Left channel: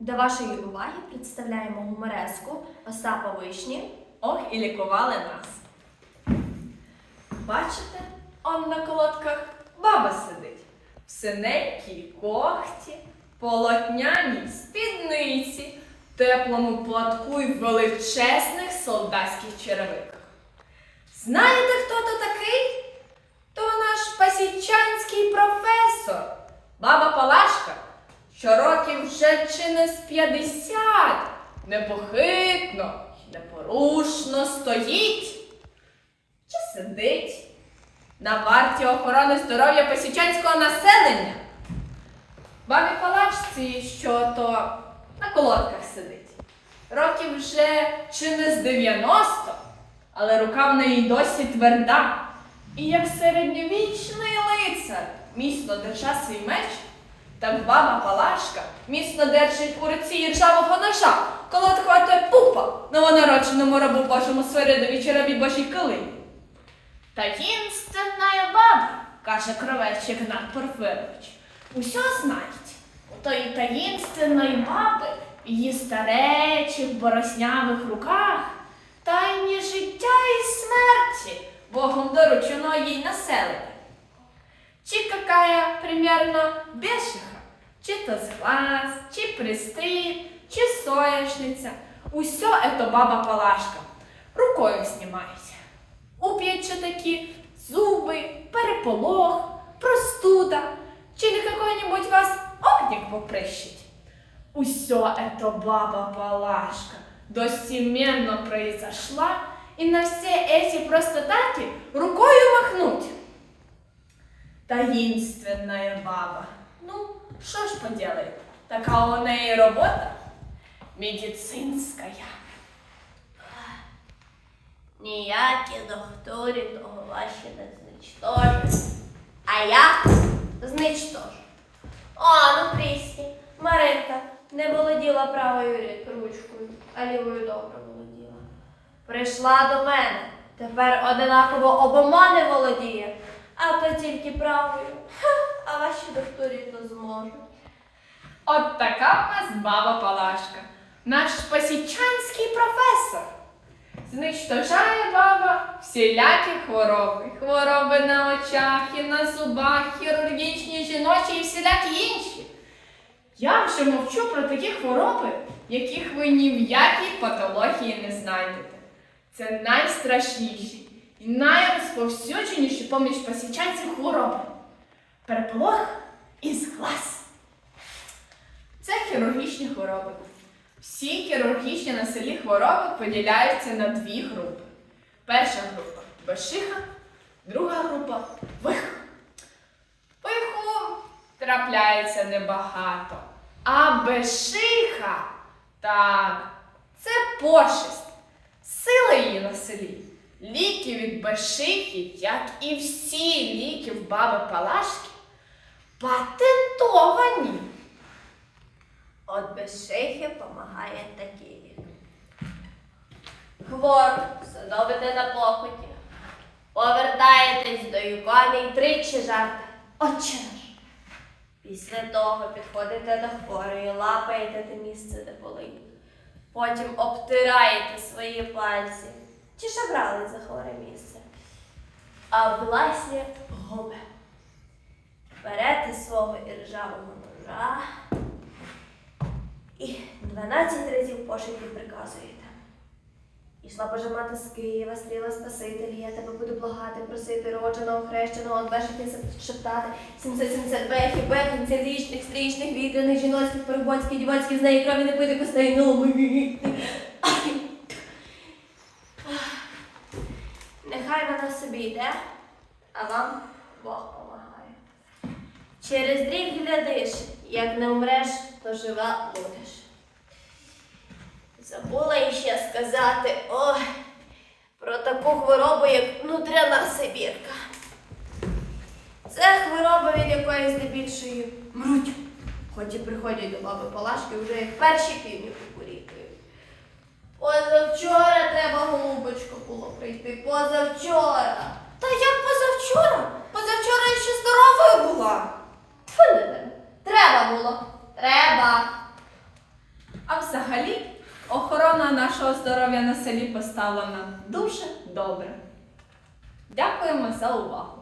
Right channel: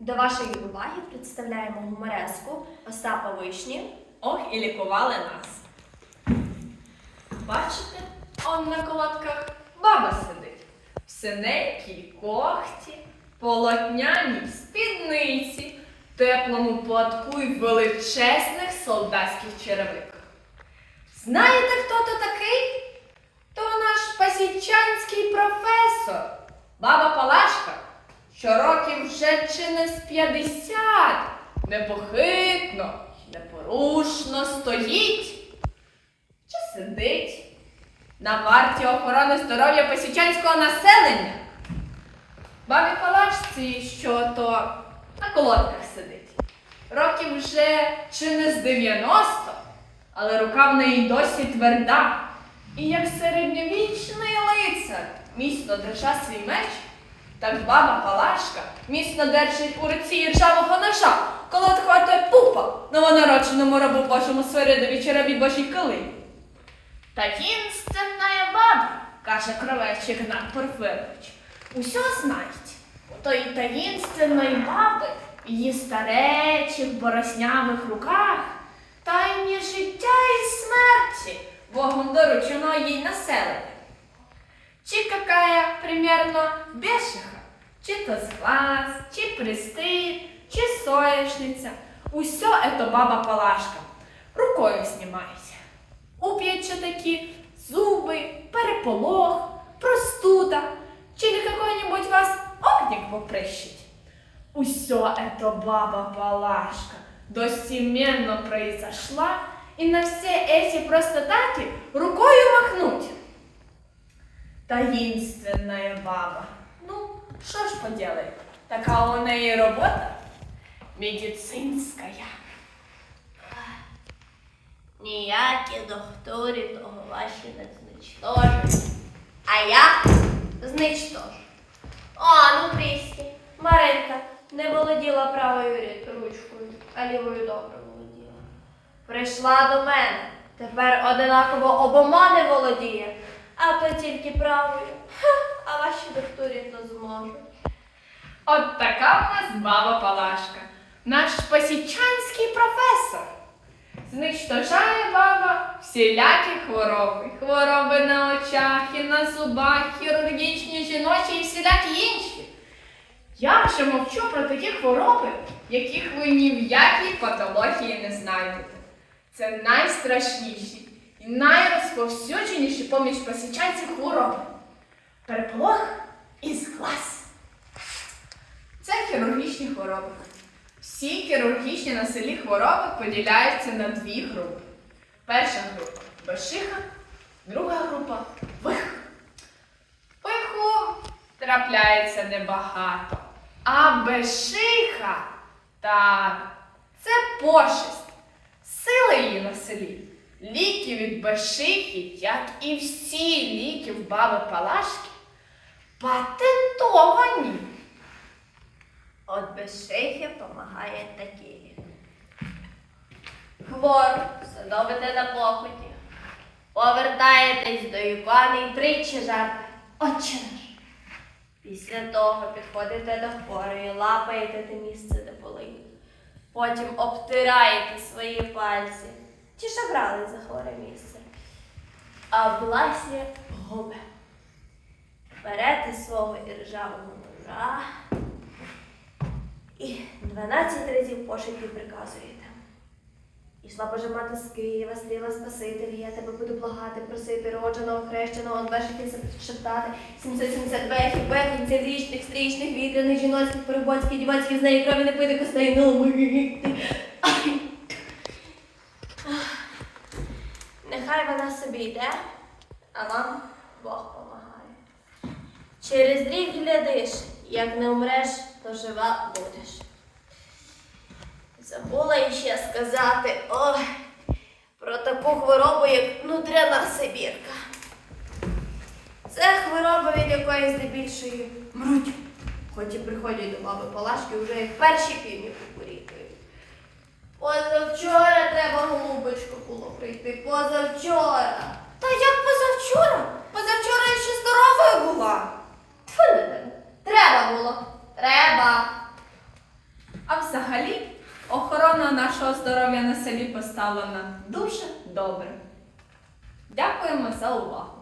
До вашої уваги представляємо гумореску Остапа Вишні. Ох, і лікували нас. Бачите, он на колодках баба сидить. В синенькій когті, полотняній спідниці, теплому платку в величезних солдатських черевиках. Знаєте, хто то такий? То наш пасічанський професор, баба Палашка, що років вже чи не з 50, непохитно й непорушно стоїть чи сидить на варті охорони здоров'я пасічанського населення. Бабі Палашці, що то на колодках сидить. Років вже чи не з 90, але рука в неї досі тверда. І як середньовічний лицар міцно держа свій меч, так баба Палашка міцно держить у руці іржавого ножа, колодку ото пупа новонародженому рабу Божому Свиридові череві Божій килині. Таїнственна баба, каже кровечик Гнат Порфирович, усьо знають. У тої таїнственної баби її старечі в бороснявих руках тайні життя і смерті Богом доручено їй населення. Чи какая примерно бешиха, чи то сглаз, чи пристыд, чи соечница. Усё это баба Палашка рукою знімається. Уп'ються такі зуби, переполох, простуда, чи не какой-нибудь вас огник поприщить. Усё это баба Палашка достеменно произошла, и на все эти простотати рукою махнуть. Таинственная баба. Ну, що ж поделает, така у неї робота медицинская. Ніякі доктори того ваші не зничтожать. А я зничтожу. О, ну Крісті, Маринка не володіла правою ручкою, а лівою добре володіла. Прийшла до мене, тепер одинаково обома не володіє, а то тільки правою. А ваші докторів не зможуть. От така в нас баба Палашка, наш посічанський професор. Знищожає баба всілякі хвороби. Хвороби на очах і на зубах, хірургічні, жіночі і всілякі інші. Я вже мовчу про такі хвороби, яких ви ні в якій патології не знайдете. Це найстрашніші і найрозповсюдженіші поміж посічанців хвороби. Переполох і зглаз. Це хірургічні хвороби. Всі хірургічні на селі хвороби поділяються на дві групи. Перша група бешиха, друга група виха. Пиху трапляється небагато. А бешиха так, це пошесть. Сила її на селі. Ліки від бешихи, як і всі ліки в баби Палашки, патентовані. От без шейхи помагає такий лік. Хворо, садовите на покуті. Повертаєтесь до ікони і тричі жарте. Отче наш. Після того підходите до хворої, лапаєте те місце, де болить. Потім обтираєте свої пальці. Чи шабрали за хворе місце. А власне губи. Берете свого іржавого ножа і 12 разів пошепки приказуєте. Ішла Божа мати з Києва, стріла Спасителі, я тебе буду благати, просити, родженого, хрещеного, одвешити шептати, 770 бехів, бехів, цілічних, стрічних, вітряних, жіноцьких, перебоцьких, дівоцьких, з неї крові не пити костей, ну Нехай вона собі йде, а вам Бог помагає. Через рік глядиш, як не вмреш, то жива будеш. Забула іще сказати ой, про таку хворобу, як внутряна сибірка. Це хвороба, від якої здебільшої мруть. Хоч і приходять до баби Палашки вже як перші півні кукурікають. Позавчора треба, голубочко, було прийти. Позавчора. Та як позавчора? Позавчора я ще здоровою була. Тьфу. Треба було. Треба. А взагалі охорона нашого здоров'я на селі поставлена дуже добре. Дякуємо за увагу.